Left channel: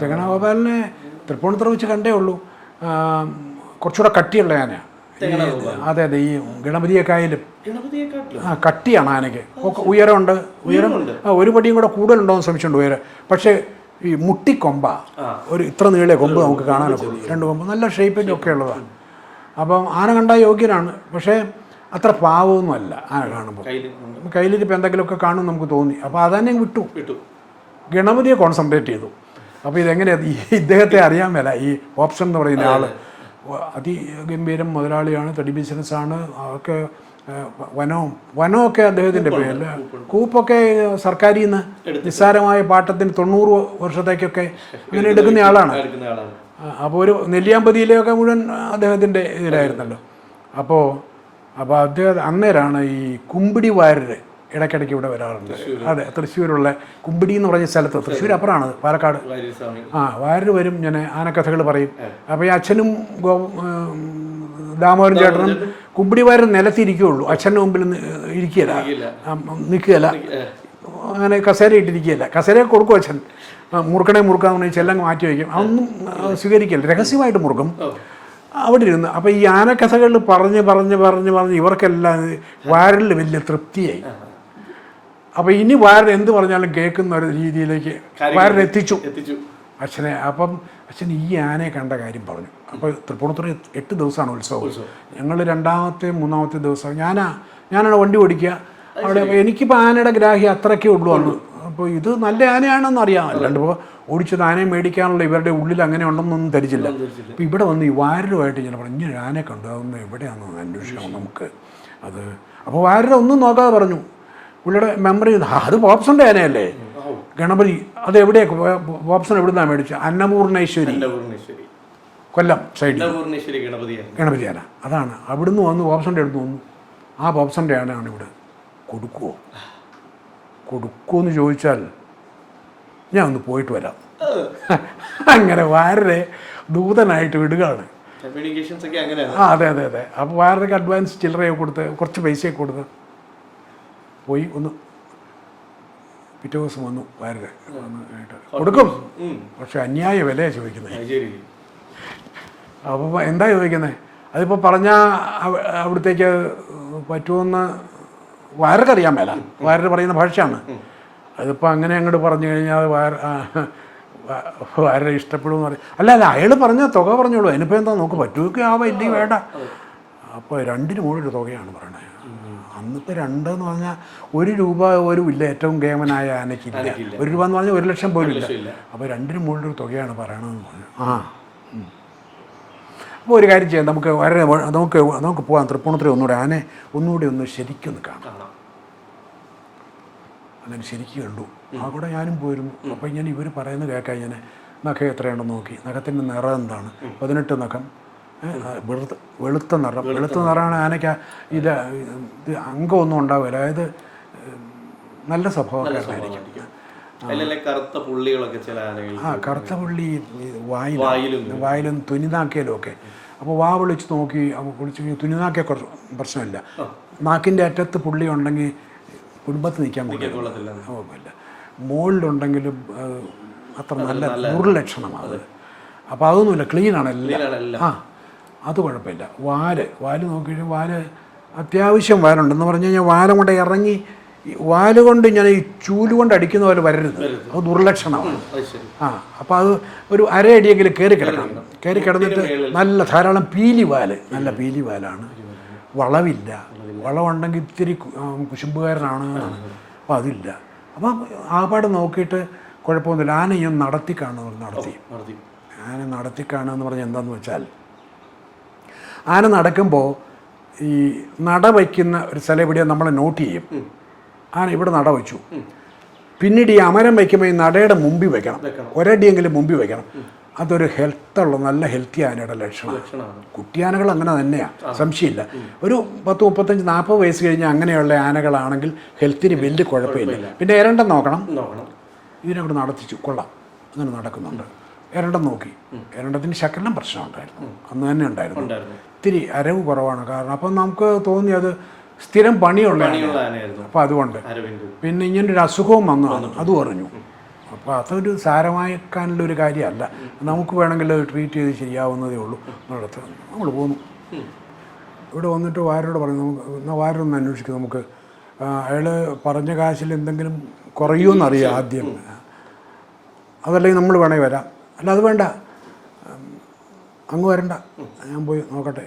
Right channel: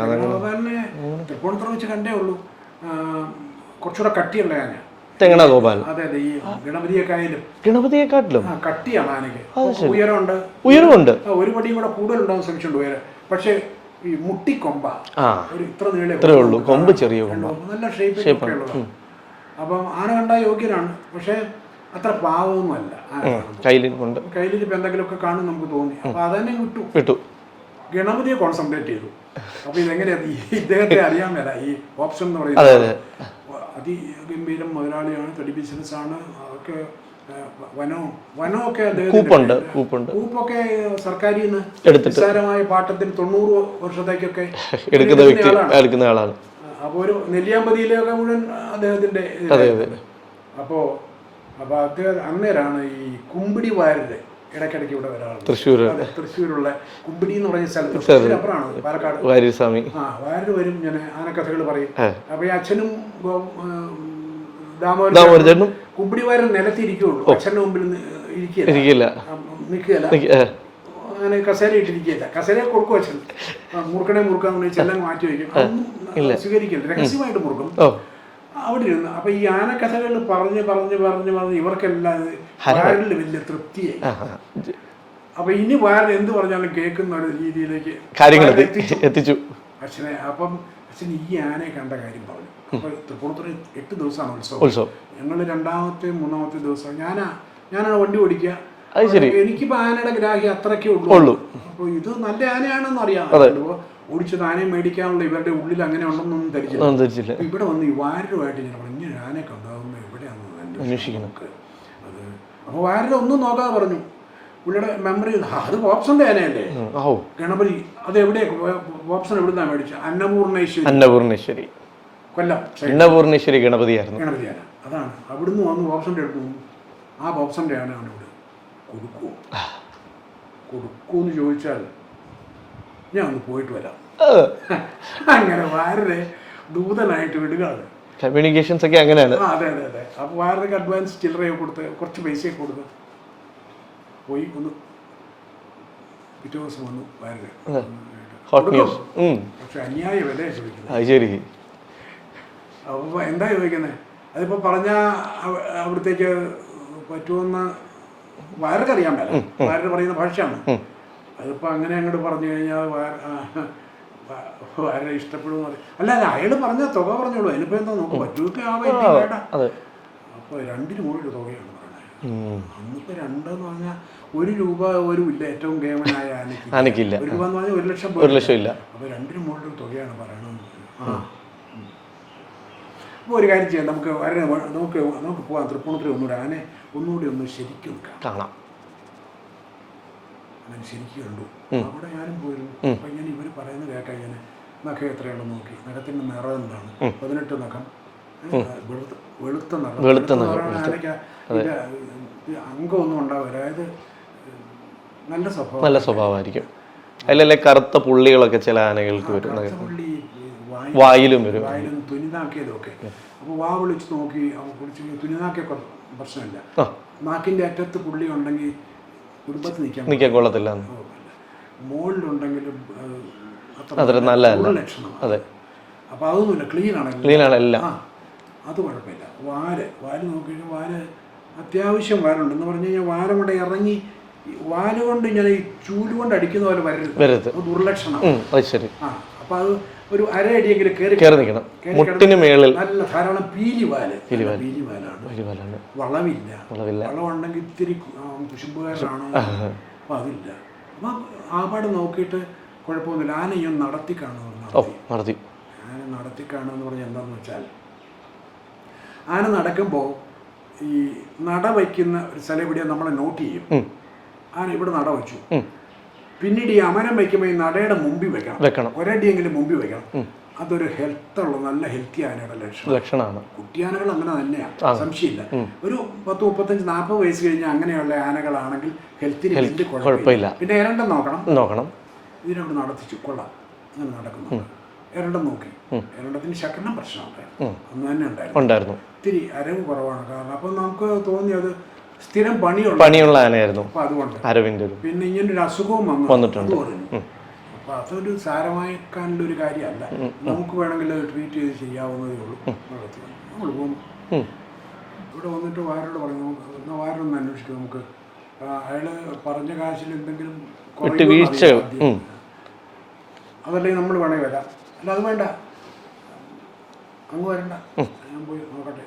തെങ്ങണഗോപാലിനെ തൃപ്പൂണിത്തുറ വെച്ച് കണ്ടേ ഉള്ളൂ. കുറച്ചുകൂടെ കട്ടിയുള്ള ആന തെങ്ങണഗോപാൽ. അതെ അതെ, ഈ ഗണപതിയെക്കാട്ടിലും കട്ടിയാണ് ആനയ്ക്ക്. ഉയരമുണ്ട്. ഒരു പടിയും കൂടെ കൂടുതലുണ്ടോന്ന് ശ്രമിച്ചിട്ടുണ്ട് ഉയരം. പക്ഷേ ഈ മുട്ടിക്കൊമ്പ ഒരു ഇത്ര നീളെ കൊമ്പ്, രണ്ട് കൊമ്പ്, നല്ല ഷേപ്പിൽ ഒക്കെ ഉള്ളതാണ്. അപ്പം ആന കണ്ടാൽ യോഗ്യനാണ്. പക്ഷേ അത്ര പാവമൊന്നും അല്ല ആന കാണുമ്പോൾ. കയ്യിൽ ഇപ്പം എന്തെങ്കിലുമൊക്കെ കാണും നമുക്ക് തോന്നി. അപ്പം അതന്നെ വിട്ടു ഗണപതിയെ കോൺസെൻട്രേറ്റ് ചെയ്തു. അപ്പോൾ ഇതെങ്ങനെയാണ് ഇദ്ദേഹത്തെ അറിയാൻ മേല. ഈ ഓപ്ഷൻ എന്ന് പറയുന്നത് അതിഗംഭീരം മുതലാളിയാണ്, തടി ബിസിനസ്സാണ്, അതൊക്കെ വനമൊക്കെ അദ്ദേഹത്തിൻ്റെ കൂപ്പൊക്കെ സർക്കാരിൽ നിന്ന് നിസ്സാരമായ പാട്ടത്തിന് 90 വർഷത്തേക്കൊക്കെ എടുക്കുന്ന ആളാണ്. അപ്പോൾ ഒരു നെല്ലിയാമ്പതിയിലെയൊക്കെ മുഴുവൻ അദ്ദേഹത്തിൻ്റെ ഇതിലായിരുന്നല്ലോ. അപ്പോൾ അദ്ദേഹം അന്നേരമാണ് ഈ കുമ്പിടി വാരര് ഇടയ്ക്കിടയ്ക്ക് ഇവിടെ വരാറുണ്ട്. തൃശ്ശൂർ, അതെ, തൃശ്ശൂരുള്ള കുമ്പിടി എന്ന് പറഞ്ഞ സ്ഥലത്ത്, തൃശ്ശൂർ അപ്പുറമാണ്, പാലക്കാട്. വാരര് വരും, ഞാൻ ആനക്കഥകൾ പറയും. അപ്പോൾ ഈ അച്ഛനും ദാമോദരനും കുമ്പിടി വാരർ നിലത്തിരിക്കുകയുള്ളൂ, അച്ഛൻ്റെ മുമ്പിൽ നിൽക്കുകയല്ല, അങ്ങനെ കസേര ഇട്ടിരിക്കുകയല്ല. കസേര കൊടുക്കും അച്ഛൻ, മുറുക്കാന്ന് പറഞ്ഞാൽ ചെല്ലം മാറ്റി വയ്ക്കും. അതൊന്നും സ്വീകരിക്കില്ല, രഹസ്യമായിട്ട് മുറുക്കും അവിടെ ഇരുന്ന്. അപ്പം ഈ ആനക്കഥകൾ പറഞ്ഞ് ഇവർക്കെല്ലാം വാരലിൽ വലിയ തൃപ്തിയായി. അപ്പം ഇനി വാരൽ എന്ത് പറഞ്ഞാലും കേൾക്കുന്ന ഒരു രീതിയിലേക്ക് എത്തിച്ചു അച്ഛനെ. അപ്പം അച്ഛൻ ഈ ആനയെ കണ്ട കാര്യം പറഞ്ഞു. അപ്പോൾ തൃപ്പൂണിത്തുറ 8 ദിവസമാണ് ഉത്സവം. ഞങ്ങൾ 2ാമത്തെ 3ാമത്തെ ദിവസം ഞാനാണ് വണ്ടി ഓടിക്കുക. എനിക്കിപ്പോൾ ആനയുടെ ഗ്രാഹ്യം അത്രയ്ക്കേ ഉള്ളൂ. അപ്പോൾ ഇത് നല്ല ആനയാണെന്ന് അറിയാം. അപ്പോൾ ഓടിച്ചത് ആനയെ മേടിക്കാനുള്ള ഇവരുടെ ഉള്ളിൽ അങ്ങനെ ഉണ്ടെന്നൊന്നും ധരിച്ചില്ല. അപ്പോൾ ഇവിടെ വന്ന് ഈ വാരരുമായിട്ട് ഞാൻ പറഞ്ഞു, ഇങ്ങനെ ആനയെ കണ്ടു, അതൊന്ന് എവിടെയാണെന്ന് അന്വേഷിക്കും നമുക്ക് അത്. അപ്പോൾ വാരര ഒന്നും നോക്കാതെ പറഞ്ഞു, പുള്ളിയുടെ മെമ്മറി, അത് പോപ്സന്റെ ആനയല്ലേ ഗണപതി, അത് എവിടെയാണ് പോപ്സൺ എവിടുന്നാണ് മേടിച്ചത്? അന്നപൂർണേശ്വരി കൊല്ലം അന്നപൂർണേശ്വരി ഗണപതി ആന. അതാണ് അവിടുന്ന് വന്ന് പോപ്സന്റെ അടുത്ത് വന്നു. ആ പോപ്സന്റെ ആനയാണ് ഇവിടെ. കൊടുക്കുമെന്ന് ചോദിച്ചാൽ ഞാൻ ഒന്ന് പോയിട്ട് വരാം. അങ്ങനെ വാരരെ ദൂതനായിട്ട് വിടുകയാണ്. കമ്മ്യൂണിക്കേഷൻസ് ഒക്കെ അങ്ങനെയാണ്. അതെ. അപ്പോൾ വാരരക്ക് അഡ്വാൻസ് ചില്ലറയൊക്കെ കൊടുത്ത്, കുറച്ച് പൈസയൊക്കെ കൊടുത്ത് പോയി. ഒന്ന് പിറ്റേ ദിവസം വന്നു വാരരെ കൊടുക്കും. പക്ഷെ അന്യായ വിലയാണ് ചോദിക്കുന്നത്. അപ്പോൾ എന്താ ചോദിക്കുന്നത്? അതിപ്പോൾ പറഞ്ഞാൽ അവിടത്തേക്ക് പറ്റുമെന്ന് വാരക്കറിയാൻ മേല. വാരര് പറയുന്ന ഭാഷയാണ്. അതിപ്പോൾ അങ്ങനെ അങ്ങോട്ട് പറഞ്ഞു കഴിഞ്ഞാൽ വാരരെ ഇഷ്ടപ്പെടുമെന്ന് പറയും. അല്ല അയാൾ പറഞ്ഞ തുക പറഞ്ഞോളൂ, അതിനിപ്പോൾ എന്താ നോക്ക് പറ്റുമൊക്കെ ആവാം, വേണ്ട. അപ്പോൾ 2 മുകളിൽ തുകയാണ് പറയുന്നത്. അന്നിപ്പോൾ 2 എന്ന് പറഞ്ഞാൽ 1 രൂപ ഒരു ഇല്ല, ഏറ്റവും കേമനായ ആനയ്ക്ക് 1 രൂപ എന്ന് പറഞ്ഞാൽ 1 ലക്ഷം പോലും. അപ്പോൾ 2 മുകളിൽ തുകയാണ് പറയണമെന്ന് പറഞ്ഞു. അപ്പോൾ ഒരു കാര്യം ചെയ്യാം, നമുക്ക് പോകാം തൃപ്പൂണിത്തുറ ഒന്നുകൂടെ ഒന്ന് ശരിക്കും കാണാം. അങ്ങനെ ശരിക്കും കണ്ടു. അവിടെ ഞാനും പോയിരുന്നു. അപ്പോൾ ഇങ്ങനെ ഇവർ പറയുന്നത് കേൾക്കാൻ ഞാൻ നഖം എത്രയുണ്ടെന്ന് നോക്കി. നഖത്തിൻ്റെ നിറം എന്താണ്? 18 നഖം, വെളുത്ത നിറമാണ് ആനയ്ക്ക്. ഇല്ല, അംഗമൊന്നും ഉണ്ടാവില്ല. അതായത് നല്ല സ്വഭാവമായിരിക്കും. കറുത്ത പുള്ളികളൊക്കെ ചില ആനകൾക്ക്, കറുത്ത പുള്ളി വായിലും തുനിനാക്കയിലും ഒക്കെ. അപ്പോൾ വാ വിളിച്ച് നോക്കി, വിളിച്ച് തുനിനാക്കിയ കുറച്ച് പ്രശ്നമില്ല. നാക്കിൻ്റെ അറ്റത്ത് പുള്ളി ഉണ്ടെങ്കിൽ കുടുംബത്തിൽ നിൽക്കാൻ കൊള്ളത്തില്ല. മുകളിലുണ്ടെങ്കിലും അത്ര നല്ല ലക്ഷണമാണ്. അപ്പോൾ അതൊന്നുമില്ല, ക്ലീനാണ്. അത് കുഴപ്പമില്ല. വാല് നോക്കിയിട്ട് അത്യാവശ്യം വാലുണ്ടെന്ന് പറഞ്ഞു കഴിഞ്ഞാൽ വാല കൊണ്ട് ഇറങ്ങി വാലുകൊണ്ട് ഇങ്ങനെ ഈ ചൂലുകൊണ്ട് അടിക്കുന്ന പോലെ വരരുത്, അത് ദുർലക്ഷണമാണ്. അപ്പോൾ അത് ഒരു അരയടിയെങ്കിലും കയറി കിടന്ന് നല്ല ധാരാളം പീലിവാലാണ്. വളവില്ല. വളവുണ്ടെങ്കിൽ ഇത്തിരി കുശുമ്പുകാരനാണ്. അപ്പം അതില്ല. അപ്പം ആപാട് നോക്കിയിട്ട് കുഴപ്പമൊന്നുമില്ല. ആന ഈ നടത്തി ആന നടത്തിക്കാണെന്ന് പറഞ്ഞാൽ എന്താണെന്ന് വെച്ചാൽ, ആന നടക്കുമ്പോൾ ഈ നട വയ്ക്കുന്ന ഒരു സ്ഥലം എവിടെയാണ് നമ്മൾ നോട്ട് ചെയ്യും. ആന ഇവിടെ നട വെച്ചു, പിന്നീട് ഈ അമരം വയ്ക്കുമ്പോൾ ഈ നടയുടെ മുമ്പിൽ വെക്കണം, ഒരടിയെങ്കിലും മുമ്പിൽ വെക്കണം. അതൊരു നല്ല ഹെൽത്തി ആനയുടെ ലക്ഷണമാണ്. കുട്ടിയാനകൾ അങ്ങനെ തന്നെയാണ്, സംശയമില്ല. ഒരു 10, 35, 40 വയസ്സ് കഴിഞ്ഞാൽ അങ്ങനെയുള്ള ആനകളാണെങ്കിൽ ഹെൽത്തിന് വലിയ കുഴപ്പമില്ല. പിന്നെ എരണ്ടം നോക്കണം. ഇതിനവിടെ നടത്തിച്ചു, കൊള്ളാം, അങ്ങനെ നടക്കുന്നുണ്ട്. എരണ്ടം നോക്കി, എരണ്ടത്തിന് ശകലം പ്രശ്നം ഉണ്ടായിരുന്നു, അന്ന് തന്നെ ഉണ്ടായിരുന്നു. ഇത്തിരി അരവ് കുറവാണ്. കാരണം അപ്പം നമുക്ക് തോന്നി അത് സ്ഥിരം പണിയുള്ള ആനയായിരുന്നു. അപ്പം അതുകൊണ്ട് അരവിന്ദ് പിന്നെ ഇങ്ങനൊരു അസുഖവും വന്നിട്ടുണ്ട്, അത് പറഞ്ഞു. അപ്പോൾ അതൊരു സാരമാക്കാനുള്ള ഒരു കാര്യമല്ല, നമുക്ക് വേണമെങ്കിൽ ട്രീറ്റ് ചെയ്ത് ശരിയാവുന്നതേ ഉള്ളൂ. നടത്തുന്നത് നമ്മൾ പോന്നു. ഇവിടെ വന്നിട്ട് വാരോട് പറഞ്ഞു, എന്നാൽ വാരൊന്ന് അന്വേഷിക്കും, നമുക്ക് അയാൾ പറഞ്ഞ കാശിൽ എന്തെങ്കിലും കുറയുമെന്ന് അറിയാം ആദ്യം, അതല്ലെങ്കിൽ നമ്മൾ വേണമെങ്കിൽ വരാം. അല്ല അത് വേണ്ട, അങ്ങ് വരണ്ട, ഞാൻ പോയി നോക്കട്ടെ.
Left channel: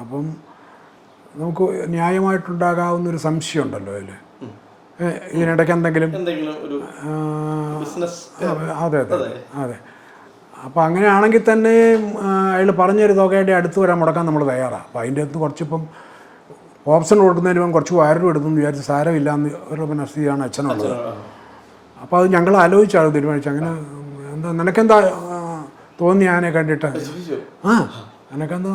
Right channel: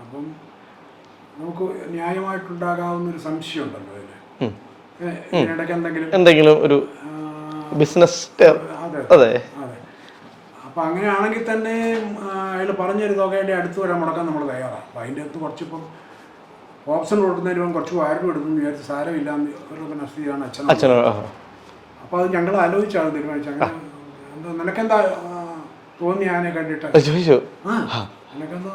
അപ്പം നമുക്ക് ന്യായമായിട്ടുണ്ടാകാവുന്നൊരു സംശയം ഉണ്ടല്ലോ അതിൽ, ഇതിനിടയ്ക്ക് എന്തെങ്കിലും ഒരു ബിസിനസ്. അതെ അതെ. അപ്പോൾ അങ്ങനെയാണെങ്കിൽ തന്നെ അയാൾ പറഞ്ഞൊരു തുകയുടെ അടുത്ത് വരാൻ മുടക്കാൻ നമ്മൾ തയ്യാറാണ്. അപ്പോൾ അതിൻ്റെ അടുത്ത് കുറച്ചിപ്പം ഓപ്ഷൻ കൊടുക്കുന്നതിന് ഇപ്പം കുറച്ച് വയറും എടുത്തെന്ന് വിചാരിച്ച് സാരമില്ലാന്ന് ഒരു സ്ഥിതിയാണ് അച്ഛനോട്. അപ്പോൾ അത് ഞങ്ങൾ ആലോചിച്ചാൽ തീരുമാനിച്ചു. അങ്ങനെ എന്താ നിനക്കെന്താ തോന്നി ആനയെ കണ്ടിട്ട്? നിനക്കെന്താ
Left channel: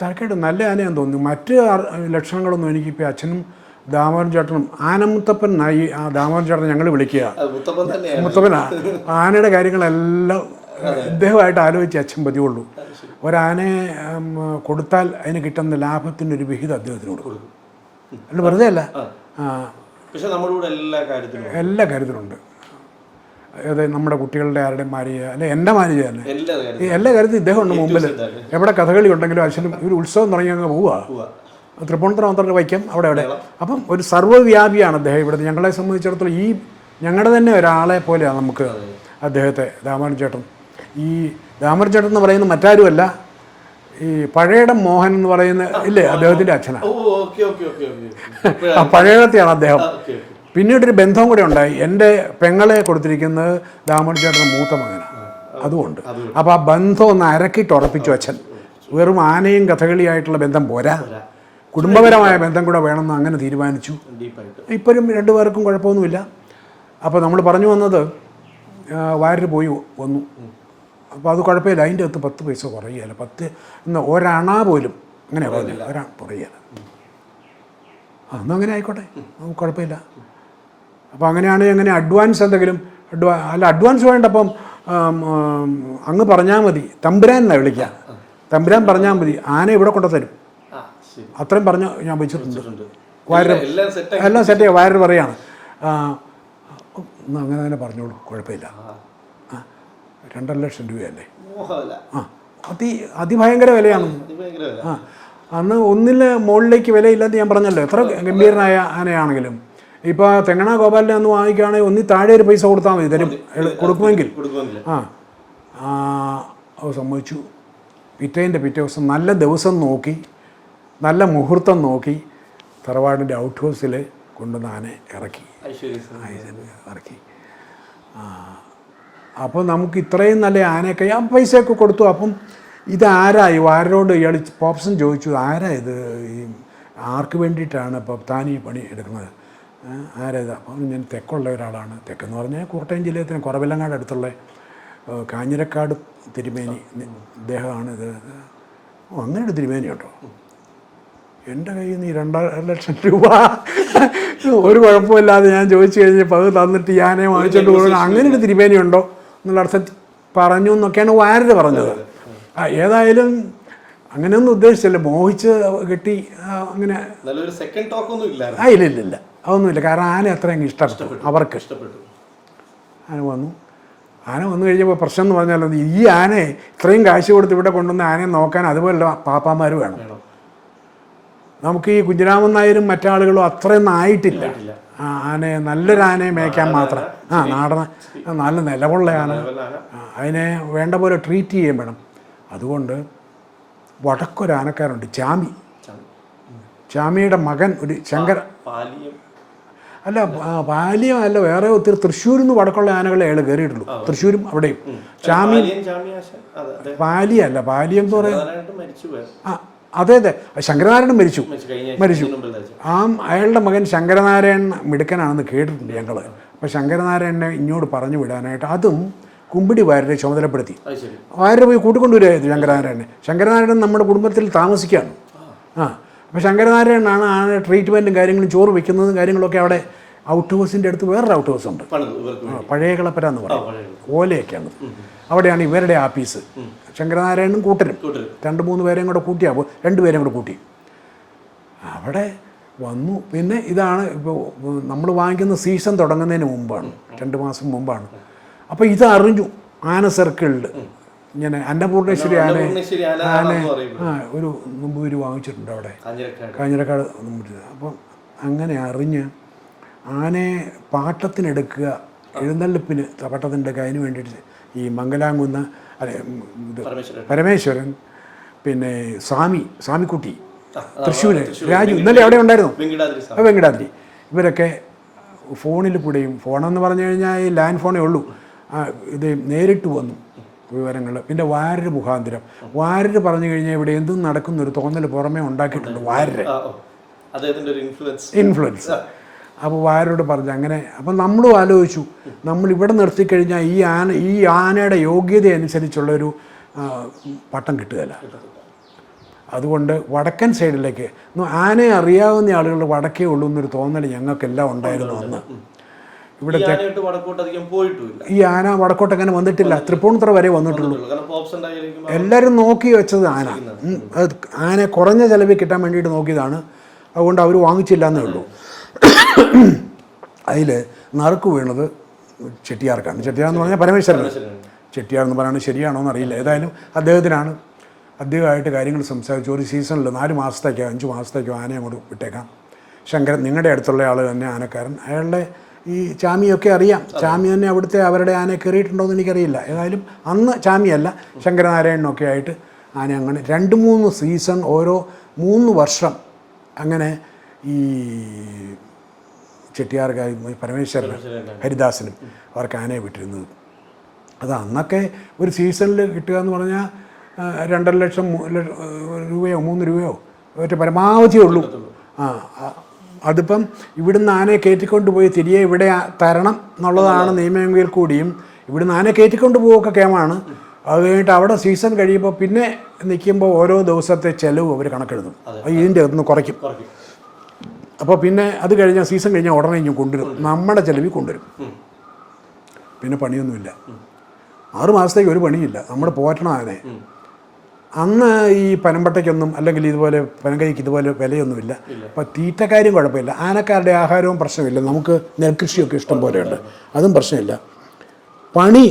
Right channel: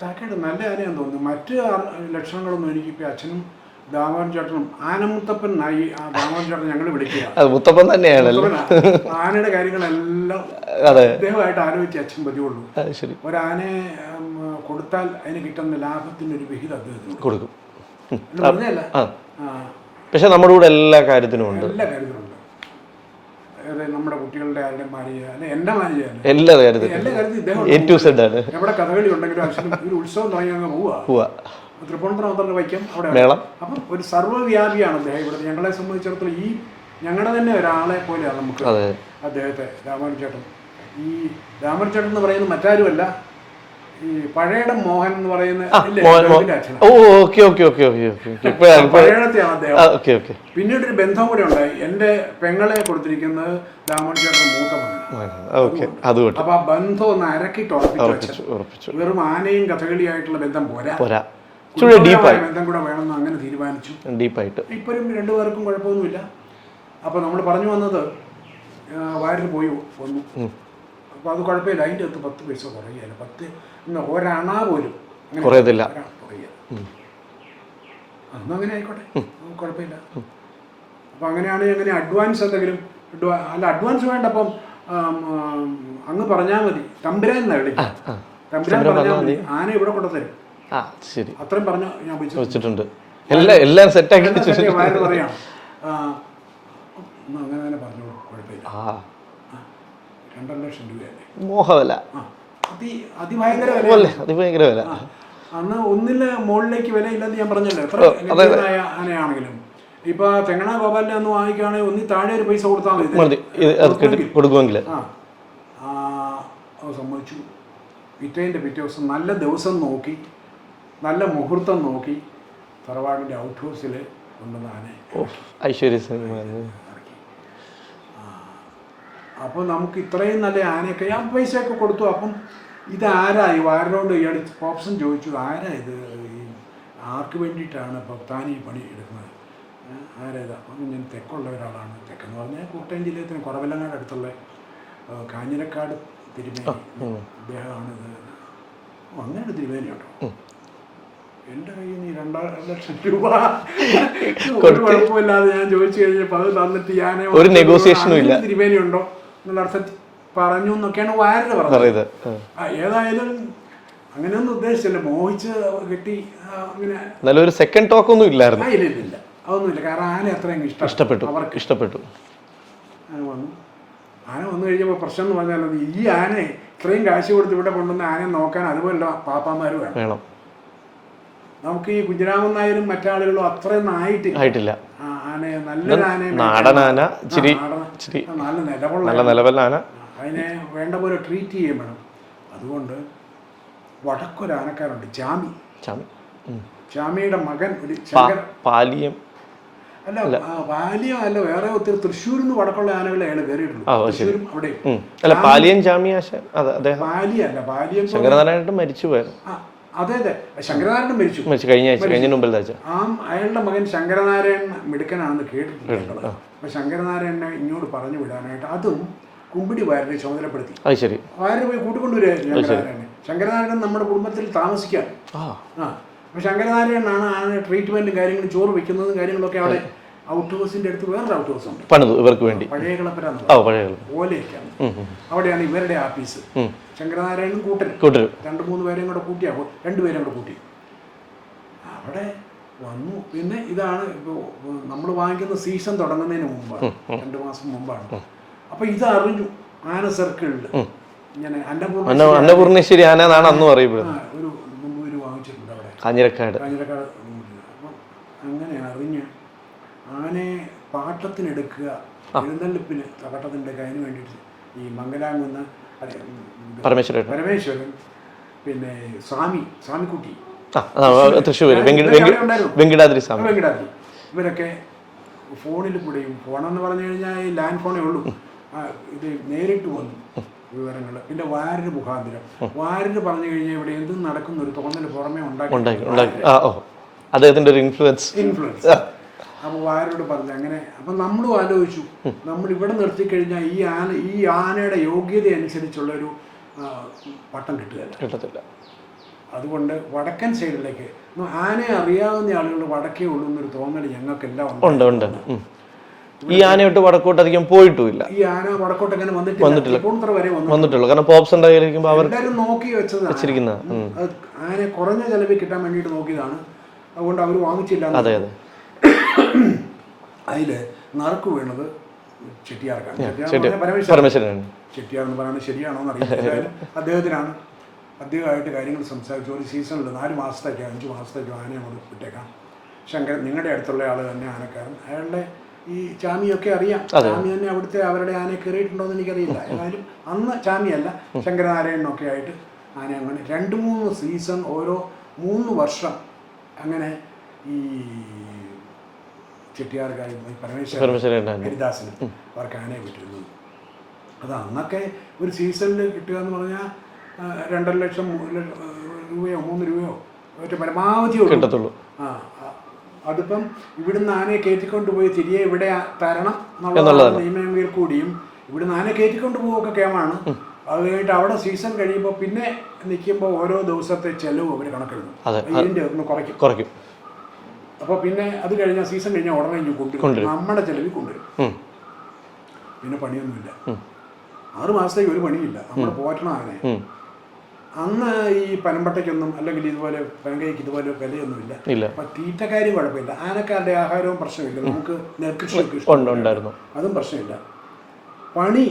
തരക്കേട്, നല്ല ആനയാന്ന് തോന്നുന്നു. മറ്റ് ലക്ഷണങ്ങളൊന്നും എനിക്കിപ്പോൾ അച്ഛനും ദാമോദരൻ ചേട്ടനും ആനമുത്തപ്പൻ നായി, ആ ദാമോദരൻ ചേട്ടൻ ഞങ്ങൾ വിളിക്കുക മുത്തപ്പൻ തന്നെയാണ്. ആനയുടെ കാര്യങ്ങളെല്ലാം ഇദ്ദേഹമായിട്ട് ആലോചിച്ച് അച്ഛൻ പതിവുള്ളൂ. ഒരാനയെ കൊടുത്താൽ അതിന് കിട്ടുന്ന ലാഭത്തിൻ്റെ ഒരു വിഹിതം അദ്ദേഹത്തിന് കൊടുക്കും. വെറുതെ അല്ല, പക്ഷെ നമ്മുടെ കൂടെ എല്ലാ കാര്യത്തിനും ഉണ്ട്. അതായത് നമ്മുടെ കുട്ടികളുടെ ആരുടെ മാര്യ അല്ലെ എൻ്റെ മാര്യ എല്ലാ കാര്യത്തിലും ഇദ്ദേഹം എവിടെ കഥകളി ഉണ്ടെങ്കിലും അച്ഛനും ഒരു ഉത്സവം തുടങ്ങി അങ്ങ് പോവുക. തൃപ്പൂണിത്തുറ മാത്രം വയ്ക്കാം അവിടെ. അപ്പം ഒരു സർവ്വവ്യാപിയാണ് അദ്ദേഹം. ഇവിടെ ഞങ്ങളെ സംബന്ധിച്ചിടത്തോളം ഈ ഞങ്ങളുടെ തന്നെ ഒരാളെ പോലെയാണ് നമുക്ക് അദ്ദേഹത്തെ ദാമോദരൻ ചേട്ടൻ. ഈ ദാമോദരൻ ചേട്ടൻ എന്ന് പറയുന്നത് മറ്റാരുമല്ല, ഈ പഴയടം മോഹൻ എന്ന് പറയുന്ന ഇല്ലേ അദ്ദേഹത്തിന്റെ അച്ഛനാണ്. പഴയടത്തെയാണ് അദ്ദേഹം. പിന്നീടൊരു ബന്ധം കൂടെ ഉണ്ടായി. എൻ്റെ പെങ്ങളെ കൊടുത്തിരിക്കുന്നത് ദാമോദരൻ ചേട്ടൻ്റെ മൂത്ത മകനാണ്. അതുകൊണ്ട് അപ്പൊ ആ ബന്ധം ഒന്ന് അരക്കിട്ട് ഉറപ്പിച്ചു അച്ഛൻ. വെറും ആനയും കഥകളിയായിട്ടുള്ള ബന്ധം പോരാ, കുടുംബപരമായ ബന്ധം കൂടെ വേണമെന്ന് അങ്ങനെ തീരുമാനിച്ചു. ഡീപ്പായിട്ട് ഇപ്പോഴും രണ്ടുപേർക്കും കുഴപ്പമൊന്നുമില്ല. അപ്പോൾ നമ്മൾ പറഞ്ഞു വന്നത് വാരിൽ പോയി വന്നു. അപ്പോൾ അത് കുഴപ്പമില്ല, അതിൻ്റെ അകത്ത് 10 പൈസ കുറയില്ല. 10 ഒരണ പോലും അങ്ങനെ കുറയില്ല. അതൊന്നും അങ്ങനെ ആയിക്കോട്ടെ, നമുക്ക് കുഴപ്പമില്ല. അപ്പോൾ അങ്ങനെയാണെങ്കിൽ അങ്ങനെ അഡ്വാൻസ് എന്തെങ്കിലും അഡ്വാൻസ് വേണ്ട. അപ്പം അങ്ങ് പറഞ്ഞാൽ മതി, തമ്പുരാൻ എന്നാണ് വിളിക്കുക. തമ്പുരാൻ പറഞ്ഞാൽ മതി, ആന ഇവിടെ കൊണ്ടുതരും. അത്രയും പറഞ്ഞ ഞാൻ വെച്ചിട്ടുണ്ട്. എല്ലാം സെറ്റ് വയറ് പറയാണ്. അങ്ങനെ തന്നെ പറഞ്ഞോളൂ, കുഴപ്പമില്ല. 2.5 ലക്ഷം രൂപയല്ലേ മോഹവില. അതിഭയങ്കര വിലയല്ലേ, അതിഭയങ്കര വില. അന്ന് ഒന്നില് മുകളിലേക്ക് വിലയില്ലെന്ന് ഞാൻ പറഞ്ഞല്ലോ. എത്ര ഗംഭീരനായ ആനയാണെങ്കിലും ഇപ്പൊ തെങ്ങണ ഗോപാലിനെ ഒന്ന് വാങ്ങിക്കുകയാണെങ്കിൽ ഒന്നി താഴെ ഒരു പൈസ കൊടുത്താൽ മതി കൊടുക്കുമെങ്കിൽ. സമ്മതിച്ചു. പിറ്റേ ദിവസം നല്ല ദിവസം നോക്കി, നല്ല മുഹൂർത്തം നോക്കി തറവാടിൻ്റെ ഔട്ട് ഹൗസിൽ കൊണ്ടുവന്ന് ആനയെ ഇറക്കി. ഇറക്കി. അപ്പോൾ നമുക്ക് ഇത്രയും നല്ല ആനയൊക്കെ ഞാൻ പൈസയൊക്കെ കൊടുത്തു. അപ്പം ഇതാരായി ആരോട് ഇയാൾ പോപ്സൺ ചോദിച്ചു, ആരാ ഇത്, ഈ ആർക്ക് വേണ്ടിയിട്ടാണ് ഇപ്പോൾ താൻ ഈ പണി എടുക്കുന്നത്, ആരാ ഇത്? അപ്പം ഞാൻ തെക്കുള്ള ഒരാളാണ്. തെക്കെന്ന് പറഞ്ഞാൽ കോട്ടയം ജില്ലയിൽ കുറവെല്ലങ്ങാട് അടുത്തുള്ള കാഞ്ഞിരക്കാട് തിരുമേനി അദ്ദേഹമാണ് ഇത്. അങ്ങനെ ഒരു തിരുമേനി ഉണ്ടോ? എൻ്റെ കയ്യിൽ നിന്ന് 2.5 ലക്ഷം രൂപ ഒരു കുഴപ്പമില്ലാതെ ഞാൻ ചോദിച്ചു കഴിഞ്ഞപ്പോൾ അത് തന്നിട്ട് ഞാനേ അങ്ങനെ ഒരു തിരുമേനി ഉണ്ടോ എന്നുള്ള അർത്ഥത്തിൽ പറഞ്ഞു എന്നൊക്കെയാണ് വാരത പറഞ്ഞത്. ഏതായാലും അങ്ങനെയൊന്നും ഉദ്ദേശിച്ചില്ല, മോഹിച്ച് കെട്ടി അങ്ങനെ നല്ലൊരു സെക്കൻഡ് ടോക്ക് ഒന്നും ഇല്ലായിരുന്നു. ഇല്ല അതൊന്നുമില്ല. കാരണം ആന അത്രയും ഇഷ്ടപ്പെട്ടു, അവർക്ക് ഇഷ്ടപ്പെട്ടു. ആന വന്നു കഴിഞ്ഞപ്പോൾ പ്രശ്നം എന്ന് പറഞ്ഞാൽ ഈ ആനയെ ഇത്രയും കാശ് കൊടുത്ത് ഇവിടെ കൊണ്ടുവന്ന ആനയെ നോക്കാൻ അതുപോലെ പാപ്പാമാർ വേണം. നമുക്ക് ഈ കുഞ്ഞിരാമൻ നായരും മറ്റാളുകളും അത്രയൊന്നും ആയിട്ടില്ല. ആനയെ നല്ലൊരു ആനയെ മേയ്ക്കാൻ നല്ല നിലവുള്ള അതിനെ വേണ്ട പോലെ ട്രീറ്റ് ചെയ്യാൻ വേണം. അതുകൊണ്ട് വടക്കൊരു ആനക്കാരുണ്ട്, ചാമിയുടെ മകൻ ഒരു ശങ്കര പാലിയം അല്ല വേറെ ഒത്തിരി തൃശ്ശൂരിൽ നിന്ന് വടക്കുള്ള ആനകളെ അയാൾ കയറിയിട്ടുള്ളൂ. തൃശ്ശൂരും അവിടെയും പാലിയല്ല, പാലിയം മരിച്ചുപോയത്. അതെ ശങ്കരനാരായണൻ മരിച്ചു. അയാളുടെ മകൻ ശങ്കരനാരായണൻ മിടുക്കനാണെന്ന് കേട്ടിട്ടുണ്ട് ഞങ്ങൾ. അപ്പോൾ ശങ്കരനാരായണനെ ഇങ്ങോട്ട് പറഞ്ഞു വിടാനായിട്ട് അതും കുമ്പിടി വാര്യരെ ചുമതലപ്പെടുത്തി. വാര്യരെ പോയി കൂട്ടിക്കൊണ്ടുവരുമായിരുന്നു ശങ്കരനാരായണൻ നമ്മുടെ കുടുംബത്തിൽ താമസിക്കുകയാണ്. അപ്പോൾ ശങ്കരനാരായണനാണ് ട്രീറ്റ്മെൻറ്റും കാര്യങ്ങളും ചോറ് വയ്ക്കുന്നതും കാര്യങ്ങളൊക്കെ അവിടെ ഔട്ട് ഹൗസിൻ്റെ അടുത്ത് വേറൊരു ഔട്ട് ഹൗസ് ഉണ്ട്, പണിതു ഇവർക്ക് വേണ്ടി. പഴയ കളപ്പര എന്ന് പറയും, ഓലയൊക്കെയാണ്. അവിടെയാണ് ഇവരുടെ ആഫീസ്. ശങ്കരനാരായണനും കൂട്ടരും 2-3 പേരെയും കൂടെ കൂട്ടിയാകുമ്പോൾ 2 പേരെയും കൂടെ കൂട്ടി അവിടെ വന്നു. പിന്നെ ഇതാണ് ഇപ്പോൾ നമ്മൾ വാങ്ങിക്കുന്ന സീസൺ തുടങ്ങുന്നതിന് മുമ്പാണ്, 2 മാസം മുമ്പാണ്. അപ്പോൾ ഇത് അറിഞ്ഞു ആന സർക്കിളിൽ ഇങ്ങനെ അന്നപൂർണേശ്വരി ആന ഒരു നമ്പൂരി വാങ്ങിച്ചിട്ടുണ്ട് അവിടെ കാഞ്ഞിരക്കാട്. അപ്പം അങ്ങനെ അറിഞ്ഞ് ആനയെ പാട്ടത്തിനെടുക്കുക, എഴുന്നള്ളിപ്പിന് പാട്ടത്തിനെടുക്കുക. അതിന് വേണ്ടിയിട്ട് ഈ മംഗലാംകുന്ന് പരമേശ്വരൻ, പിന്നെ സ്വാമിക്കുട്ടി വെങ്കിടാദ്രി, ഇവരൊക്കെ ഫോണിൽ കൂടെയും, ഫോണെന്ന് പറഞ്ഞു കഴിഞ്ഞാൽ ഈ ലാൻഡ് ഫോണേ ഉള്ളൂ, ഇത് നേരിട്ട് വന്നു വിവരങ്ങൾ. പിന്നെ വാരര് മുഖാന്തരം, വാരര് പറഞ്ഞു കഴിഞ്ഞാൽ ഇവിടെ എന്തും നടക്കുന്നൊരു തോന്നൽ പുറമേ അദ്ദേഹത്തിൻ്റെ ഒരു ഇൻഫ്ലുവൻസ്. അപ്പോൾ വാരോട് പറഞ്ഞു അങ്ങനെ. അപ്പം നമ്മളും ആലോചിച്ചു, നമ്മൾ ഇവിടെ നിർത്തിക്കഴിഞ്ഞാൽ ഈ ആനയുടെ യോഗ്യത അനുസരിച്ചുള്ളൊരു പട്ടം കിട്ടുകയില്ല. അതുകൊണ്ട് വടക്കൻ സൈഡിലേക്ക് ആനയെ അറിയാവുന്ന ആളുകൾ വടക്കേ ഉള്ളൂ എന്നൊരു തോന്നൽ ഞങ്ങൾക്കെല്ലാം ഉണ്ട്. ഈ ആനയോട്ട് വടക്കോട്ട് അധികം പോയിട്ടുമില്ല. ഈ ആന വടക്കോട്ട് അങ്ങനെ വന്നിട്ടില്ല, തൃപ്പൂണിത്തുറ വരെ വന്നിട്ടുള്ളൂ. എല്ലാവരും നോക്കി വെച്ചതാണ്. അത് ആന കുറഞ്ഞ ചെലവിൽ കിട്ടാൻ വേണ്ടിയിട്ട് നോക്കിയതാണ്. അതുകൊണ്ട് അവർ വാങ്ങിച്ചില്ല. അതിൽ നറുക്ക് വീണത് ചെട്ടിയാർക്കാണ്. ചെട്ടിയാർ എന്ന് പറഞ്ഞാൽ പരമേശ്വരൻ. ചെട്ടിയാർ എന്ന് പറയുന്നത് ശരിയാണോ എന്ന് അറിയില്ല. ഏതായാലും അദ്ദേഹത്തിനാണ്. അദ്ദേഹമായിട്ട് കാര്യങ്ങൾ സംസാരിച്ചു. ഒരു സീസണിൽ 4 മാസത്തേക്കോ 5 മാസത്തേക്കോ ആനയെ അങ്ങോട്ട് വിട്ടേക്കാം. ശങ്കരൻ നിങ്ങളുടെ അടുത്തുള്ള ആൾ തന്നെ ആനക്കാരൻ, അയാളുടെ ഈ ചാമിയൊക്കെ അറിയാം. ചാമി തന്നെ അവിടുത്തെ അവരുടെ ആനയെ കയറിയിട്ടുണ്ടോ എന്ന് എനിക്കറിയില്ല. ഏതായാലും അന്ന് ചാമിയല്ല, ശങ്കരനാരായണനൊക്കെ ആയിട്ട് ആന അങ്ങനെ 2-3 സീസൺ, ഓരോ 3 വർഷം അങ്ങനെ ഈ ചെട്ടിയാർക്കായി പരമേശ്വരൻ ഹരിദാസനും അവർക്ക് ആനയെ വിട്ടിരുന്നത്. അത് അന്നൊക്കെ ഒരു സീസണിൽ കിട്ടുക എന്ന് പറഞ്ഞാൽ 2.5 ലക്ഷം രൂപയോ 3 രൂപയോ ഒറ്റ പരമാവധി ഉള്ളൂ. അതിപ്പം ഇവിടുന്ന് ആനയെ കയറ്റിക്കൊണ്ട് പോയി തിരികെ ഇവിടെ തരണം എന്നുള്ളതാണ് നിയമമെങ്കിൽ കൂടിയും ഇവിടുന്ന് ആനയെ കയറ്റിക്കൊണ്ട് പോവുകയൊക്കെ കേമാണ്. അത് കഴിഞ്ഞിട്ട് അവിടെ സീസൺ കഴിയുമ്പോൾ പിന്നെ നിൽക്കുമ്പോൾ ഓരോ ദിവസത്തെ ചെലവ് അവർ കണക്കെടുക്കും, ഇതിൻ്റെ ഒന്ന് കുറയ്ക്കും. അപ്പോൾ പിന്നെ അത് കഴിഞ്ഞാൽ സീസൺ കഴിഞ്ഞാൽ ഉടനെ ഇങ്ങനെ കൊണ്ടുവരും, നമ്മുടെ ചെലവിൽ കൊണ്ടുവരും. പിന്നെ പണിയൊന്നുമില്ല, 6 മാസത്തേക്ക് ഒരു പണിയില്ല. നമ്മൾ പോറ്റണം ആനെ. അന്ന് ഈ പനമ്പട്ടയ്ക്കൊന്നും അല്ലെങ്കിൽ ഇതുപോലെ പനങ്കൈക്ക് ഇതുപോലെ വിലയൊന്നുമില്ല. അപ്പം തീറ്റക്കാരും കുഴപ്പമില്ല, ആനക്കാരുടെ ആഹാരവും പ്രശ്നമില്ല. നമുക്ക് നെൽകൃഷിയൊക്കെ ഇഷ്ടം പോലെ ഉണ്ട്, അതും പ്രശ്നമില്ല. പണി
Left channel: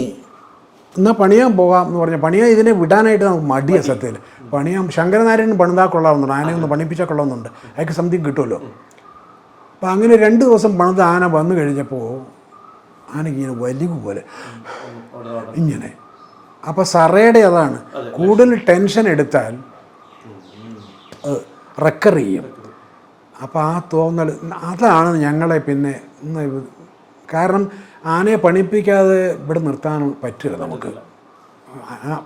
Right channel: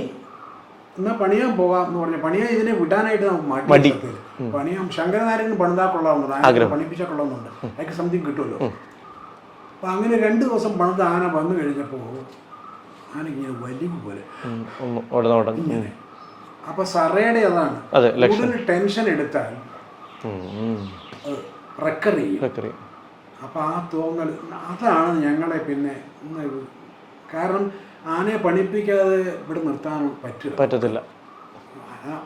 എന്നാൽ പണിയാൻ പോകാം എന്ന് പറഞ്ഞാൽ പണിയാൻ ഇതിനെ വിടാനായിട്ട് നമുക്ക് മടിയ സത്യത്തിൽ പണിയാൻ. ശങ്കരനാരായണൻ പണിതാൽ കൊള്ളാവുന്നുണ്ട്, ആന പണിപ്പിച്ചാൽ കൊള്ളാവുന്നുണ്ട്, അതൊക്കെ സംതിങ് കിട്ടുമല്ലോ. അപ്പം അങ്ങനെ 2 ദിവസം പണിത് ആന വന്നു കഴിഞ്ഞപ്പോൾ ആന ഇങ്ങനെ വലിവ് പോലെ ഇങ്ങനെ. അപ്പോൾ സറയുടെ അതാണ്, കൂടുതൽ ടെൻഷൻ എടുത്താൽ റെക്കർ ചെയ്യും. അപ്പോൾ ആ തോന്നൽ അതാണ് ഞങ്ങളെ പിന്നെ. കാരണം ആനയെ പണിപ്പിക്കാതെ ഇവിടെ നിർത്താൻ പറ്റത്തില്ല,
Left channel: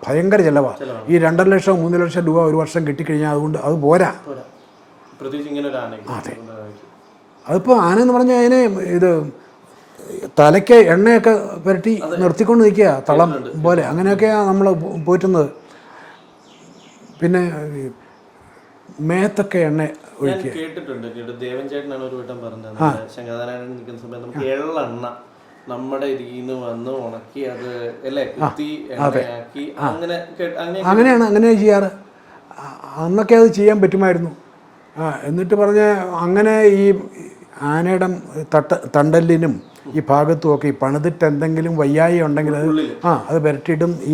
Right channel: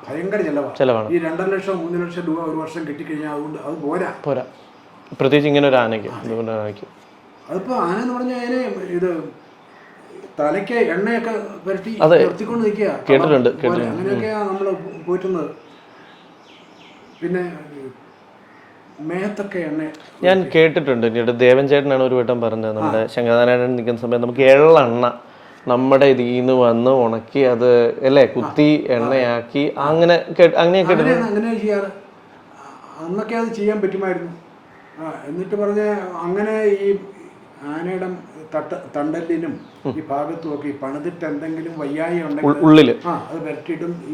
ഭയങ്കര ചിലവാണ്. ഈ 2.5 ലക്ഷം 3 ലക്ഷം രൂപ ഒരു വർഷം കിട്ടിക്കഴിഞ്ഞാൽ അതുകൊണ്ട് അത് പോരാ. പ്രത്യേകിച്ച് ഇങ്ങനെ ഒരു ആനയ്ക്ക്. അതിപ്പോൾ ആന എന്ന് പറഞ്ഞാൽ അതിനെ ഇത് തലയ്ക്ക് എണ്ണയൊക്കെ പുരട്ടി നിർത്തിക്കൊണ്ട് നിൽക്കുക പോലെ, അങ്ങനെയൊക്കെയാണ് നമ്മൾ പോറ്റുന്നത്. പിന്നെ മേത്തൊക്കെ എണ്ണ ഞാൻ കേട്ടിട്ടുണ്ട്. പിന്നീട് ദേവൻ ചേട്ടനാണ് ഒരു വട്ടം പറഞ്ഞത്, നമ്മുടെ ശങ്കരനാരായണൻ നിൽക്കുന്ന സമയത്ത് നമുക്ക് എള്ളെണ്ണ നമ്മുടെ ഇതിൽ നിന്ന് വന്ന് ഉണക്കി അത് അല്ലേ കുത്തി എണ്ണയാക്കി അങ്ങനെയാണ് ചെയ്യാറ്. അന്നൊക്കെ അത് ചെയ്യാൻ പറ്റുമായിരുന്നു. എന്നിട്ട് പറഞ്ഞ അങ്ങനെ ഈ ആനയുടെ തണ്ടലിനും ഈ ഭാഗത്തും ഒക്കെ ഈ പണിതിട്ട് എന്തെങ്കിലും വയ്യായി ഉണ്ടെങ്കിൽ അത് പുരട്ടിയിട്ടും ഈ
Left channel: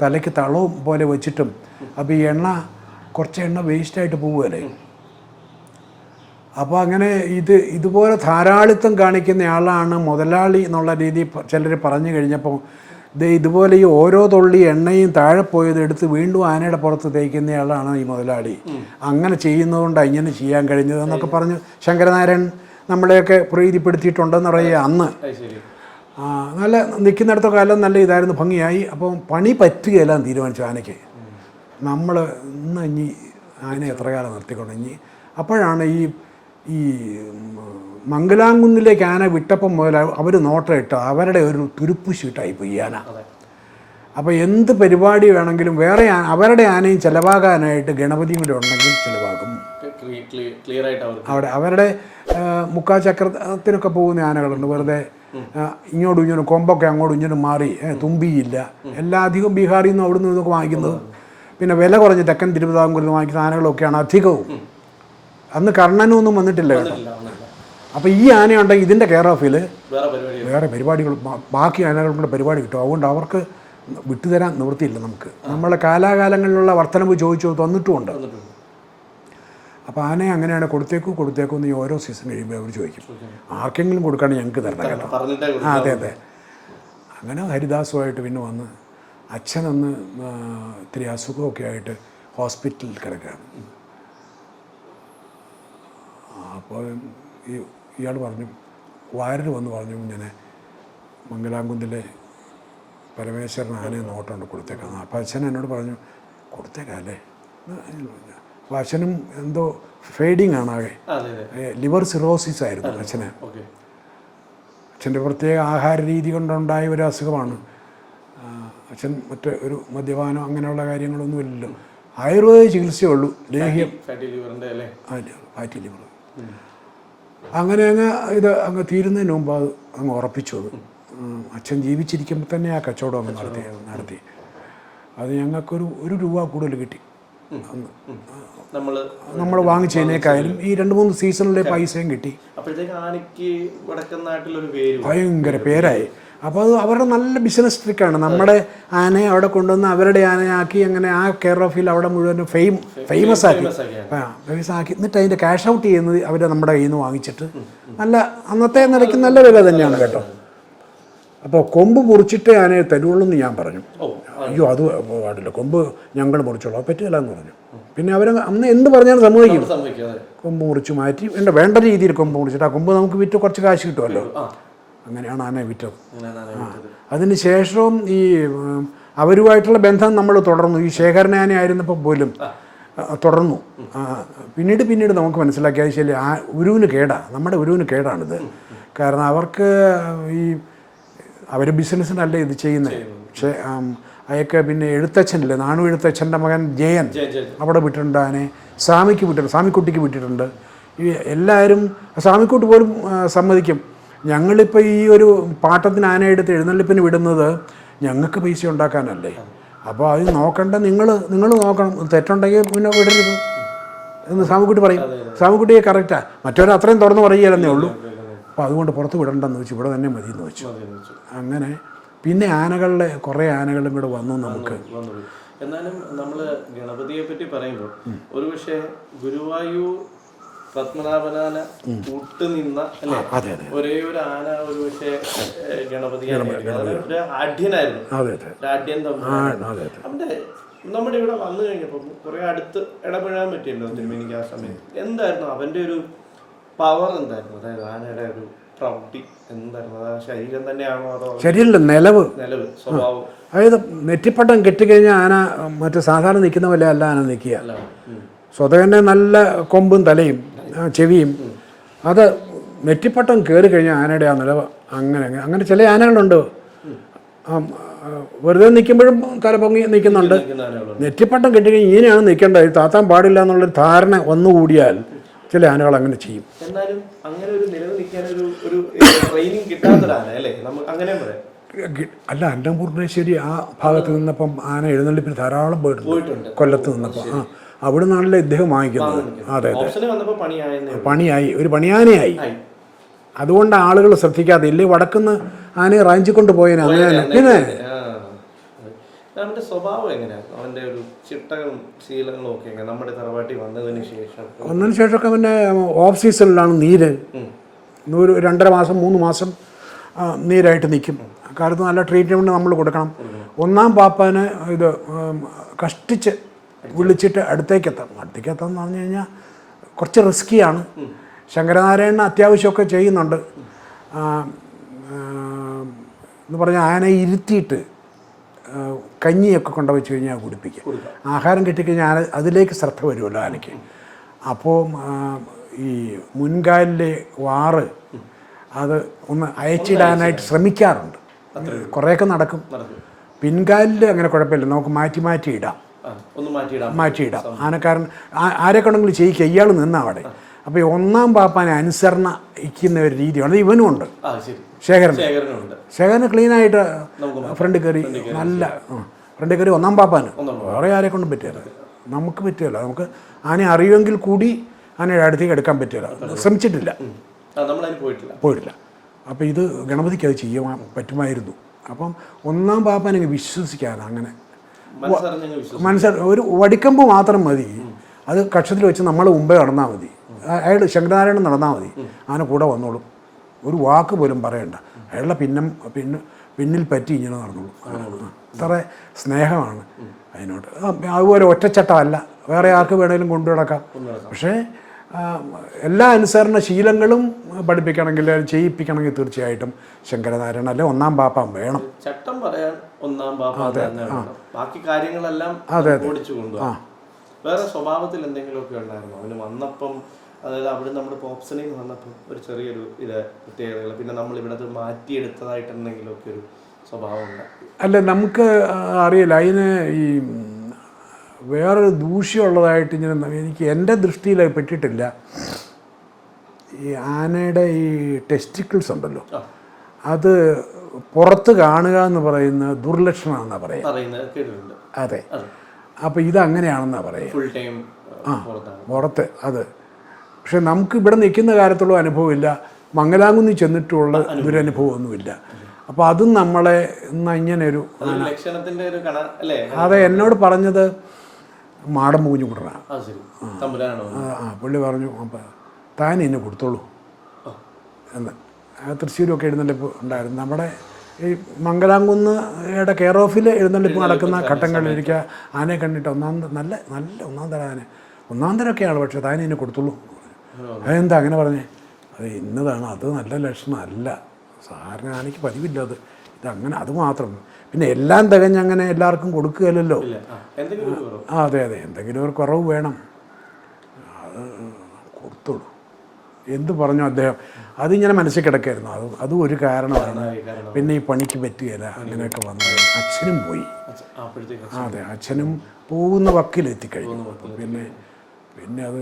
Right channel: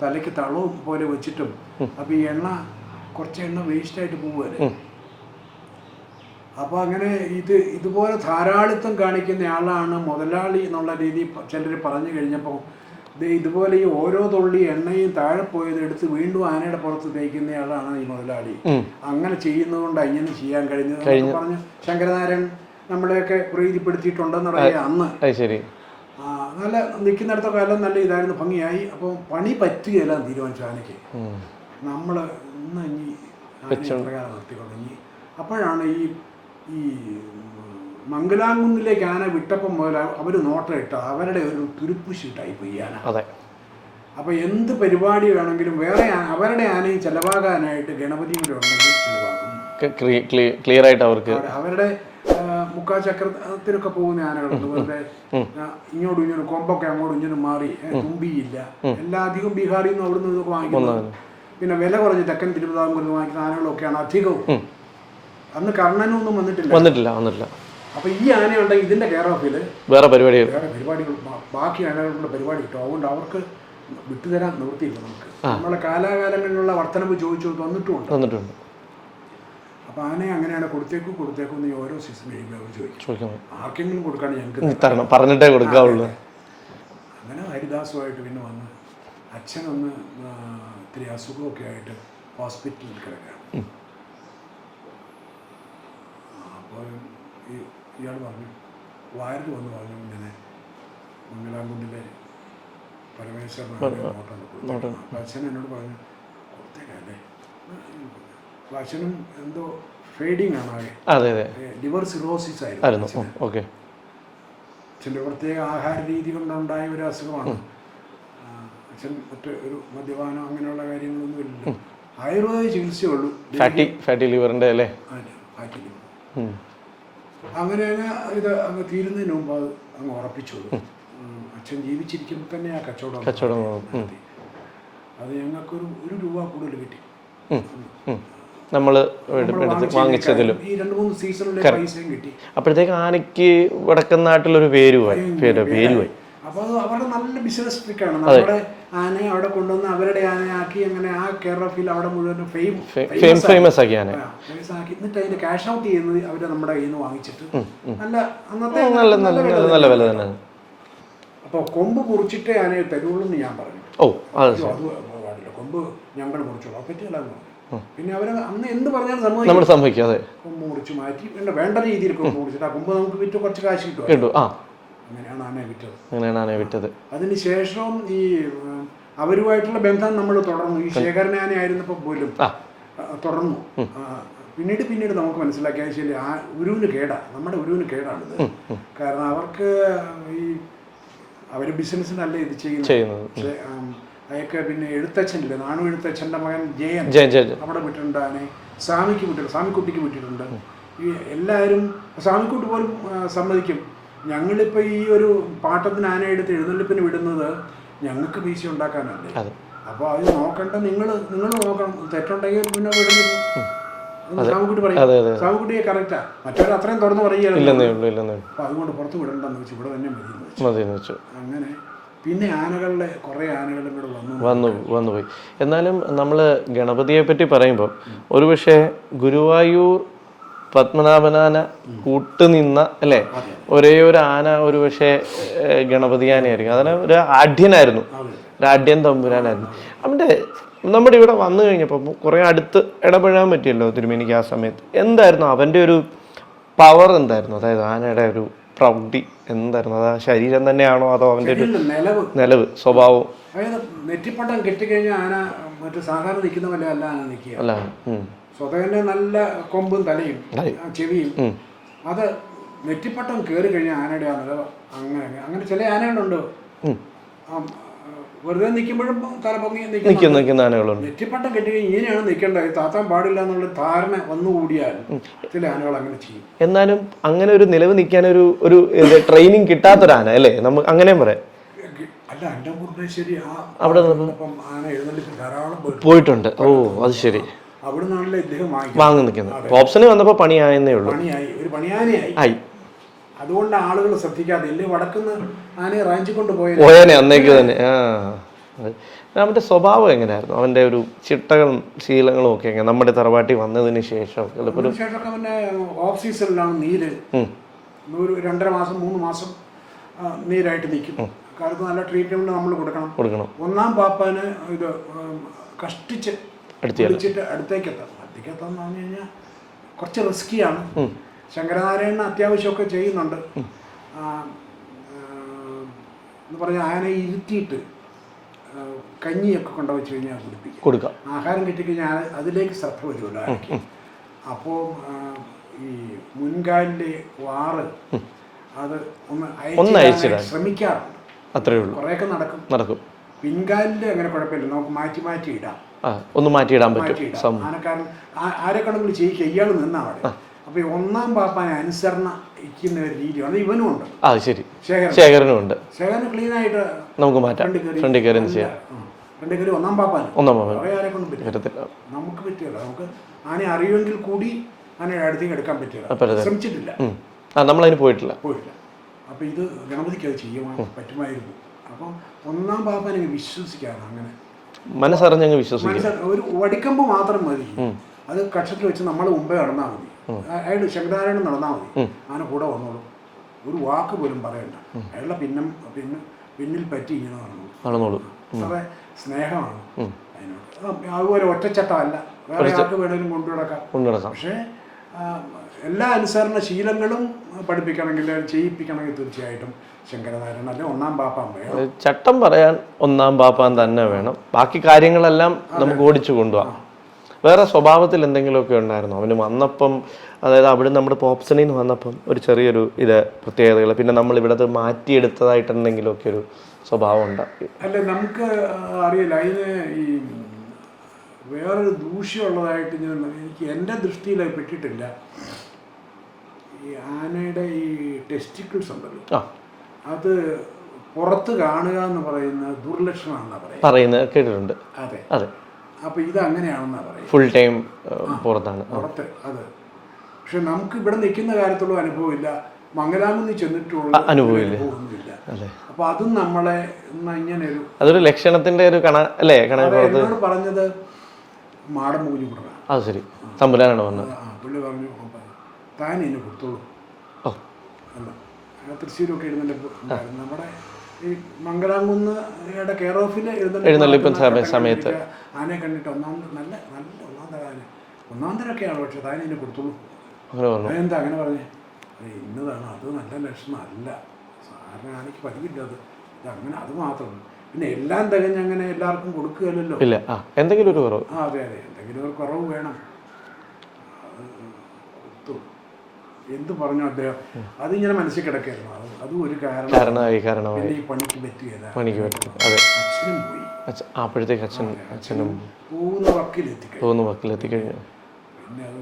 തലയ്ക്ക് തളവും പോലെ വെച്ചിട്ടും. അപ്പോൾ ഈ കുറച്ച് എണ്ണ വേസ്റ്റായിട്ട് പോവുകയല്ലേ. അപ്പോൾ അങ്ങനെ ഇതുപോലെ ധാരാളിത്തം കാണിക്കുന്ന ആളാണ് മുതലാളി എന്നുള്ള രീതി ചിലർ പറഞ്ഞു കഴിഞ്ഞപ്പോൾ ഇതുപോലെ ഈ ഓരോ തുള്ളി എണ്ണയും താഴെ പോയത് എടുത്ത് വീണ്ടും ആനയുടെ പുറത്ത് തേക്കുന്നയാളാണ് ഈ മുതലാളി. അങ്ങനെ ചെയ്യുന്നതുകൊണ്ടാണ് ഇങ്ങനെ ചെയ്യാൻ കഴിഞ്ഞത് എന്നൊക്കെ പറഞ്ഞ് ശങ്കരനാരായണൻ നമ്മളെയൊക്കെ പ്രീതിപ്പെടുത്തിയിട്ടുണ്ടെന്ന് പറയുക. അന്ന് നല്ല നിൽക്കുന്നിടത്ത കാലം നല്ല ഇതായിരുന്നു, ഭംഗിയായി. അപ്പോൾ പണി പറ്റുകയെല്ലാം തീരുമാനിച്ചു ആനയ്ക്ക്. നമ്മൾ ഇനി ആനയെ എത്ര കാലം നിർത്തിക്കൊണ്ട് ഇനി അപ്പോഴാണ് ഈ മംഗലാംകുന്നിലേക്ക് ആന വിട്ടപ്പം മുതൽ അവർ നോട്ടമിട്ട് അവരുടെ ഒരു തുരുപ്പ് ഷീട്ടായിപ്പോയി ഈ ആന. അപ്പോൾ എന്ത് പരിപാടി വേണമെങ്കിലും വേറെ അവരുടെ ആനയും ചിലവാകാനായിട്ട് ഗണപതിയും കൂടെ ഉണ്ടെങ്കിൽ ചിലവാകും. ക്ലിയർ ആയിട്ട് അവർക്ക് അവരുടെ മുക്കാചക്രത്തിനൊക്കെ പോകുന്ന ആനകളുണ്ട്, വെറുതെ ഇങ്ങോട്ടും ഇങ്ങോട്ടും കൊമ്പൊക്കെ അങ്ങോട്ടും ഇങ്ങോട്ടും മാറി, തുമ്പിയില്ല, എല്ലാ അധികം ബീഹാറിൽ നിന്നും അവിടെ നിന്നൊക്കെ വാങ്ങിക്കുന്നത്. പിന്നെ വില കുറഞ്ഞ് തെക്കൻ തിരുവിതാംകൂറിൽ നിന്ന് വാങ്ങിക്കുന്ന ആനകളൊക്കെയാണ് അധികവും. അന്ന് കർണനൊന്നും വന്നിട്ടില്ല. അപ്പോൾ ഈ ആനയുണ്ടെങ്കിൽ ഇതിൻ്റെ കെയർ ഓഫിൽ വേറെ പരിപാടികൾ ബാക്കി ആനകൾക്കുള്ള പരിപാടി കിട്ടും. അതുകൊണ്ട് അവർക്ക് വിട്ടുതരാൻ നിവൃത്തിയില്ല. നമുക്ക് നമ്മളെ കാലാകാലങ്ങളിലുള്ള വർധനവ് ചോദിച്ചു തന്നിട്ടുമുണ്ട്. അപ്പോൾ ആനയെ അങ്ങനെയാണ് കൊടുത്തേക്കും എന്ന് ഈ ഓരോ സീസൺ കഴിയുമ്പോൾ അവർ ചോദിക്കും, ആർക്കെങ്കിലും കൊടുക്കാണ്ട് ഞങ്ങൾക്ക് പറഞ്ഞിട്ടേ കൊടുക്കാവുള്ളൂ. അങ്ങനെ ഹരിദാസുമായിട്ട് പിന്നെ വന്ന് അച്ഛനൊന്ന് ഇത്തിരി അസുഖമൊക്കെ ആയിട്ട് ഹോസ്പിറ്റലിൽ കിടക്കുകയാണ്. അപ്പോൾ ഇയാൾ പറഞ്ഞു, വാരൽ വന്ന് പറഞ്ഞു, ഇങ്ങനെ മംഗലാംകുന്നിലെ പരമേശ്വരൻ ആനയെ നോട്ടുണ്ട് കൊടുത്തേക്കാം. അപ്പോൾ അച്ഛൻ എന്നോട് പറഞ്ഞു കൊടുത്തേക്കല്ലേ. അപ്പോൾ അച്ഛനും എന്തോ ഫെയ്ഡിങ് ആണ്, ആകെ ലിവർ സിറോസിസ് ആയിരുന്നു അച്ഛന്. അച്ഛൻ്റെ പ്രത്യേക ആഹാര രീതി കൊണ്ടുണ്ടായ ഒരു അസുഖമാണ്. അച്ഛൻ ഒരു മദ്യപാനം അങ്ങനെയുള്ള കാര്യങ്ങളൊന്നും ഇല്ലല്ലോ, ആയുർവേദ ചികിത്സയുള്ളൂ. ഫാറ്റി ലിവറിൻ്റെ അല്ലേ? Fatty liver. അങ്ങനെ ഇത് അങ്ങ് തീരുന്നതിന് മുമ്പ് അത് അങ്ങ് ഉറപ്പിച്ചു. അച്ഛൻ ജീവിച്ചിരിക്കുമ്പോൾ തന്നെ ആ കച്ചവടം നടത്തി. അത് ഞങ്ങൾക്കൊരു രൂപ കൂടുതൽ കിട്ടി. നമ്മൾ വാങ്ങിച്ചതിനേക്കാളും ഈ 2-3 സീസണിലെ പൈസയും കിട്ടി. അപ്പോഴത്തേക്ക് ആനയ്ക്ക് വടക്കൻ നാട്ടിലൊരു പേരായി. അപ്പോൾ അത് അവരുടെ നല്ല ബിസിനസ് ട്രിക്കാണ്. നമ്മുടെ ആനയെ അവിടെ കൊണ്ടുവന്ന് അവരുടെ ആനയാക്കി, അങ്ങനെ ആ കെയർ ഓഫിൽ അവിടെ മുഴുവൻ ഫേമസ് ആക്കി. എന്നിട്ട് അതിന്റെ ക്യാഷ് ഔട്ട് ചെയ്യുന്നത് അവര് നമ്മുടെ കയ്യിൽ നിന്ന് വാങ്ങിച്ചിട്ട് നല്ല അന്നത്തെ നല്ല വില തന്നെയാണ്. അപ്പോൾ കൊമ്പ് മുറിച്ചിട്ടേ ആനയെ തരുള്ളൂ എന്ന് ഞാൻ പറഞ്ഞു. അയ്യോ അത് പാടില്ല, കൊമ്പ് ഞങ്ങൾ മുറിച്ചോളൂ, അത് പറ്റില്ല എന്ന് പറഞ്ഞു. പിന്നെ അവർ അന്ന് എന്ത് പറഞ്ഞാലും സമ്മതിക്കാതെ കൊമ്പ് മുറിച്ച് മാറ്റി വേണ്ട രീതിയിൽ കൊമ്പ് മുറിച്ചിട്ട് ആ കൊമ്പ് നമുക്ക് വിറ്റ് കുറച്ച് കാശ് കിട്ടുമല്ലോ. അങ്ങനെയാണ് ആനയെ വിറ്റത്. അതിന് ശേഷവും ഈ അവരുമായിട്ടുള്ള ബന്ധം നമ്മൾ തുടർന്നു. ഈ ശേഖരൻ ആനയായിരുന്നപ്പോൾ പോലും തുടർന്നു. പിന്നീട് നമുക്ക് മനസ്സിലാക്കിയത് ശരി, ഉരുവിന് നമ്മുടെ ഉരുവിന് കേടാണിത്. കാരണം അവർക്ക് അവർ ബിസിനസ്സിനല്ല ഇത് ചെയ്യുന്നത്. പക്ഷേ അയാൾക്ക് പിന്നെ എഴുത്തച്ഛനില്ലേ, നാണു എഴുത്തച്ഛൻ്റെ മകൻ ജയൻ അവിടെ വിട്ടിട്ടുണ്ട് ആനയെ. സ്വാമിക്കുട്ടിക്ക് വിട്ടിട്ടുണ്ട്. ഈ എല്ലാവരും സ്വാമിക്കുട്ടി പോലും സമ്മതിക്കും, ഞങ്ങളിപ്പോൾ ഈ ഒരു പാട്ടത്തിന് ആന എടുത്ത് എഴുന്നള്ളിപ്പിന് വിടുന്നത് ഞങ്ങൾക്ക് പൈസ ഉണ്ടാക്കാനല്ലേ, അപ്പോൾ അത് നോക്കണ്ട, നിങ്ങൾ നോക്കണം, തെറ്റുണ്ടെങ്കിൽ പിന്നെ വിടരുത് എന്ന് സ്വാമിക്കുട്ടി പറയും. സ്വാമിക്കുട്ടിയെ കറക്റ്റാ, മറ്റവരെ അത്രയും തുറന്ന് പറയുകയല്ലോ. അപ്പോൾ അതുകൊണ്ട് പുറത്ത് വിടണ്ടെന്ന് വെച്ചു, ഇവിടെ തന്നെ മതി എന്ന് വെച്ചു. അങ്ങനെ പിന്നെ കുറേ ആനകളും കൂടെ വന്നുപോയി. എന്നാലും നമ്മൾ ഗണപതിയെ പറ്റി പറയുമ്പോൾ ഒരുപക്ഷെ ഗുരുവായൂർ പത്മനാഭനാന കൂട്ടുനിന്ന അല്ലേ ഒരേ ഒരു ആന ഒരു പക്ഷേ ഗണപതി ആനയായിരിക്കും. അതാണ് ഒരു ആഢ്യനായിരുന്നു, ഒരു ആഢ്യൻ തമ്പുരാനായിരുന്നു. അവൻ്റെ നമ്മുടെ ഇവിടെ വന്നു കഴിഞ്ഞപ്പോൾ കുറെ അടുത്ത് ഇടപെടാൻ പറ്റിയല്ലോ തിരുമേനിക്ക് ആ സമയത്ത്. എന്തായിരുന്നു അവൻ്റെ ഒരു പവർ എന്തായിരുന്നു? അതായത് ആനയുടെ ഒരു പ്രൗഢി എന്തായിരുന്നു? അത് ശരീരം തന്നെയാണോ അതോ നിലവ് സ്വഭാവം? അതായത് നെറ്റിപ്പട്ടം കെട്ടിക്കഴിഞ്ഞാൽ ആന മറ്റു സാധാരണ നിൽക്കുന്ന പോലെ അല്ല ആന നിൽക്കുക. സ്വതവന്നെ നല്ല കൊമ്പും തലയും ചെവിയും. അത് നെറ്റിപ്പട്ടം കയറി കഴിഞ്ഞാൽ ആനയുടെ ആ നിലവ് അങ്ങനെ ചില ആനകളുണ്ട് വെറുതെ നിൽക്കുമ്പോഴും തല പൊങ്ങി നിൽക്കുന്നുണ്ട്. നെറ്റിപ്പട്ടം കെട്ടിക്കഴിഞ്ഞാൽ ഇങ്ങനെയാണ് നിൽക്കേണ്ടത്, താത്താൻ പാടില്ല എന്നുള്ളൊരു ധാരണ വന്നുകൂടിയാൽ ചില ആനകൾ അങ്ങനെ ചെയ്യും. എന്നാലും അങ്ങനെ ഒരു നിലവ് നിൽക്കാൻ ഒരു ട്രെയിനിങ് കിട്ടാത്തൊരാന അല്ലേ നമുക്ക് അങ്ങനെ പറയാം? അല്ല, അന്നപൂർണേശ്വരി അവിടെ നിന്നപ്പം ആന എഴുന്നള്ളിപ്പിന് ധാരാളം പോയിട്ടുണ്ട്. അത് ശരി. അവിടെ നിന്നാണല്ലോ ഇദ്ദേഹം പണിയായി, ഒരു പണിയാനയായി. അതുകൊണ്ട് ആളുകൾ ശ്രദ്ധിക്കാതെ ഇല്ലേ വടക്കുന്ന് ആനയെ റാഞ്ചിക്കൊണ്ട് പോയത്. അവന്റെ സ്വഭാവം എങ്ങനെയായിരുന്നു? അവന്റെ ഒരു ചിട്ടകളും ശീലങ്ങളും ഒക്കെ എങ്ങനെ നമ്മുടെ തറവാട്ടി വന്നതിന് ശേഷമൊക്കെ പിന്നെ ഓഫ് സീസണിലാണ് നീര് 2.5 മാസം 3 മാസം നീരായിട്ട് നിൽക്കും. കാലത്ത് നല്ല ട്രീറ്റ്മെന്റ് നമ്മൾ കൊടുക്കണം. ഒന്നാം പാപ്പാന് ഇത് കഷ്ടിച്ച് വിളിച്ചിട്ട് അടുത്തേക്ക് എത്താന്ന് പറഞ്ഞു കഴിഞ്ഞാൽ കുറച്ച് റിസ്കിയാണ്. ശങ്കരനാരായണൻ അത്യാവശ്യമൊക്കെ ചെയ്യുന്നുണ്ട്. എന്ന് പറഞ്ഞാൽ ആനയെ ഇരുത്തിയിട്ട് കഞ്ഞിയൊക്കെ കൊണ്ടുവച്ച് കഴിഞ്ഞാൽ കുടിപ്പിക്കുക. ആഹാരം കിട്ടിക്കഴിഞ്ഞാൽ അതിലേക്ക് ശ്രദ്ധ വരുമല്ലോ ആനയ്ക്ക്. അപ്പോൾ ഈ മുൻകാലിലെ വാറ് അത് ഒന്ന് അയച്ചിടാനായിട്ട് ശ്രമിക്കാറുണ്ട്. കുറേയൊക്കെ നടക്കും. പിൻകാലിൽ അങ്ങനെ കുഴപ്പമില്ല, നമുക്ക് മാറ്റി ഇടാം. ഒന്ന് മാറ്റിയിടാം. ആനക്കാരൻ ആരെ കൊണ്ടെങ്കിലും ചെയ്യിക്കുക, ഇയാൾ നിന്നാ അവിടെ. അപ്പോൾ ഈ ഒന്നാം പാപ്പാനെ അനുസരണയ്ക്കുന്ന ഒരു രീതിയാണ് അത് ഇവനും ഉണ്ട്. ശരി, ശേഖരൻ ശേഖരനുണ്ട്. ശേഖരനെ ക്ലീനായിട്ട് നമുക്ക് മാറ്റാം. ഫ്രണ്ട് കയറി നല്ല ഫ്രണ്ട് കയറി ഒന്നാം പാപ്പാന് വേറെ ആരെ കൊണ്ടും പറ്റില്ല. നമുക്ക് പറ്റിയല്ല. നമുക്ക് ആനെ അറിയുമെങ്കിൽ കൂടി ആനയുടെ അടുത്തേക്ക് എടുക്കാൻ പറ്റില്ല, ശ്രമിച്ചിട്ടില്ല, നമ്മളതിന് പോയിട്ടില്ല. അപ്പോൾ ഇത് ഗണപതിക്ക് അത് ചെയ്യാൻ പറ്റുമായിരുന്നു. അപ്പം ഒന്നാം പാപ്പാനെ വിശ്വസിക്കാതെ അങ്ങനെ മനസ്സറിഞ്ഞങ്ങ് ഒരു വടിക്കമ്പ് മാത്രം മതി. അത് കക്ഷത്തിൽ വെച്ച് നമ്മൾ മുമ്പേ നടന്നാൽ മതി. അയാൾ ശങ്കരനാരായണൻ നടന്നാൽ മതി, ആന കൂടെ വന്നോളും. ഒരു വാക്ക് പോലും പറയണ്ട. അയാളുടെ പിന്നിൽ പറ്റി ഇങ്ങനെ നടന്നോളൂ. അത്ര സ്നേഹമാണ് അതിനോട്. അതുപോലെ ഒറ്റച്ചട്ടമല്ല, വേറെ ആർക്ക് വേണേലും കൊണ്ടു നടക്കാം. പക്ഷേ എല്ലാ അനുസരണ ശീലങ്ങളും പഠിപ്പിക്കണമെങ്കിൽ ചെയ്യിപ്പിക്കണമെങ്കിൽ തീർച്ചയായിട്ടും ശങ്കരനാരായണൻ അല്ലെ ഒന്നാം പാപ്പാൻ വേണം. ചട്ടം പറയാൻ ഒന്നാം പാപ്പാൻ തന്നെ വേണം. ബാക്കി കാര്യങ്ങളെല്ലാം ഓടിച്ചു കൊണ്ടുപോകാം. വേറെ സ്വഭാവത്തിൽ എന്തെങ്കിലുമൊക്കെ ഉണ്ടായിരുന്നോ അവന് വന്നപ്പം? അതായത് അവിടെ നമ്മുടെ പോപ്സണിൽ നിന്ന് വന്നപ്പം ഒരു ചെറിയൊരു പ്രത്യേകതകൾ, പിന്നെ നമ്മൾ ഇവിടെ മാറ്റിയെടുത്തതായിട്ട് എന്തെങ്കിലുമൊക്കെ ഒരു സ്വഭാവം ഉണ്ടാക്കി? അല്ല, നമുക്ക് അറിയില്ല. അതിന് ഈ വേറൊരു ദൂഷ്യമുള്ളതായിട്ട് ഇങ്ങനെ എനിക്ക് എൻ്റെ ദൃഷ്ടിയിൽ പെട്ടിട്ടില്ല. ഈ ആനയുടെ ഈ ടെസ്റ്റിക്കിൾസ് ഉണ്ടല്ലോ, അത് പുറത്ത് കാണുക എന്ന് പറയുന്ന ദുർലക്ഷണമാണെന്നാണ് പറയുന്നത്, കേട്ടിട്ടുണ്ട്. അതെ. അപ്പോൾ ഇത് അങ്ങനെയാണെന്നാണ് പറയുന്നത്. ഫുൾ ടൈം പുറത്ത് അത്. പക്ഷെ നമുക്ക് ഇവിടെ നിൽക്കുന്ന കാര്യത്തുള്ള അനുഭവമില്ല, മംഗലാംകുന്നിൽ ചെന്നിട്ടുള്ള ഒരു അനുഭവമൊന്നുമില്ല. അപ്പോൾ അതും നമ്മളെ ഇങ്ങനെ അതൊരു ലക്ഷണത്തിന്റെ ഒരു അതെ. എന്നോട് പറഞ്ഞത് മാടം പൂഞ്ഞു വിടറാണ്. അത് ശരി, തമ്പുരാനാണ് വന്നത്. പുള്ളി പറഞ്ഞു താൻ എന്നെ കൊടുത്തോളൂ എന്ന്. തൃശ്ശൂരൊക്കെ എഴുന്നള്ളിപ്പ് ഉണ്ടായിരുന്നു. നമ്മുടെ ഈ മംഗലാംകുന്നയുടെ കെയർ ഓഫിൽ എഴുന്നള്ളിക്കുന്ന ഘട്ടങ്ങളിൽ എനിക്ക് ആനയെ കണ്ടിട്ട് നല്ല ഒന്നാം തരം ആന, ഒന്നാം തരമൊക്കെയാണ്, പക്ഷെ താൻ എന്നെ കൊടുത്തോളൂ. അതെന്താ അങ്ങനെ പറഞ്ഞേ? അത് ഇന്നതാണ്, അത് നല്ല ലക്ഷണമല്ല, സാറിന് ആനയ്ക്ക് പതിവില്ല അത്, ഇതങ്ങനെ, അത് മാത്രം. പിന്നെ എല്ലാം തികഞ്ഞങ്ങനെ എല്ലാവർക്കും കൊടുക്കുകയല്ലോ, എന്തെങ്കിലും ഒരു കുറവ്. അതെ, എന്തെങ്കിലും ഒരു കുറവ് വേണം. അത് കൊടുത്തോളൂ എന്ത് പറഞ്ഞു അദ്ദേഹം. അതിങ്ങനെ മനസ്സിൽ കിടക്കായിരുന്നു. അതും ഒരു കാരണമായി. പിന്നെ ഈ പണിക്ക് പറ്റുകയില്ല, അച്ഛനും പോയി. അച്ഛനും പോകുന്ന വക്കിലെത്തിക്കഴിഞ്ഞു. പിന്നെ അത്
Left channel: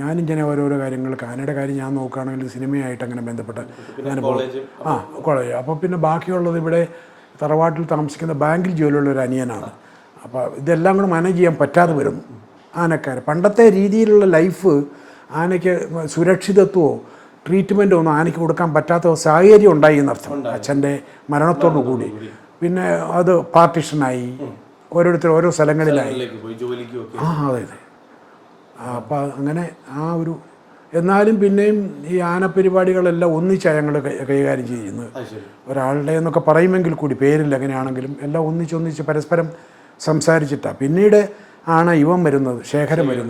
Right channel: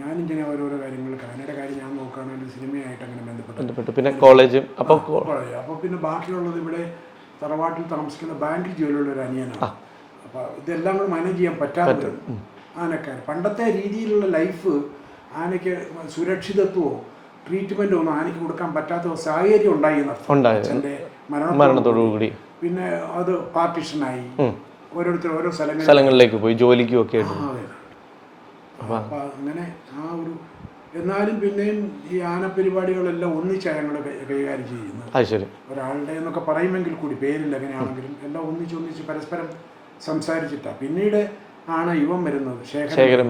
ഞാനിങ്ങനെ ഓരോരോ കാര്യങ്ങൾ, ആനയുടെ കാര്യം ഞാൻ നോക്കുകയാണെങ്കിൽ സിനിമയായിട്ട് അങ്ങനെ ബന്ധപ്പെട്ട് കോളേജ്. അപ്പോൾ പിന്നെ ബാക്കിയുള്ളത് ഇവിടെ തറവാട്ടിൽ താമസിക്കുന്ന ബാങ്കിൽ ജോലിയുള്ള ഒരു അനിയനാണ്. അപ്പോൾ ഇതെല്ലാം കൂടെ മാനേജ് ചെയ്യാൻ പറ്റാതെ വരും ആനക്കാർ. പണ്ടത്തെ രീതിയിലുള്ള ലൈഫ് ആനയ്ക്ക് സുരക്ഷിതത്വമോ ട്രീറ്റ്മെൻറ്റോ ഒന്നും ആനയ്ക്ക് കൊടുക്കാൻ പറ്റാത്ത സാഹചര്യം ഉണ്ടായി എന്നർത്ഥം. അച്ഛൻ്റെ മരണത്തോടുകൂടി പിന്നെ അത് പാർട്ടിഷനായി, ഓരോരുത്തർ ഓരോ സ്ഥലങ്ങളിലേക്ക് പോയി ജോലിക്കും ഒക്കെ. അതെ. അപ്പം അങ്ങനെ ആ ഒരു, എന്നാലും പിന്നെയും ഈ ആനപരിപാടികളെല്ലാം ഒന്നിച്ചാണ് ഞങ്ങൾ കൈകാര്യം ചെയ്യുന്നത്. ഒരാളുടെ എന്നൊക്കെ പറയുമെങ്കിൽ കൂടി പേരിൽ എങ്ങനെയാണെങ്കിലും എല്ലാം ഒന്നിച്ച് പരസ്പരം സംസാരിച്ചിട്ടാണ്. പിന്നീട് ആണ് ഇവൻ വരുന്നത്, ശേഖരൻ.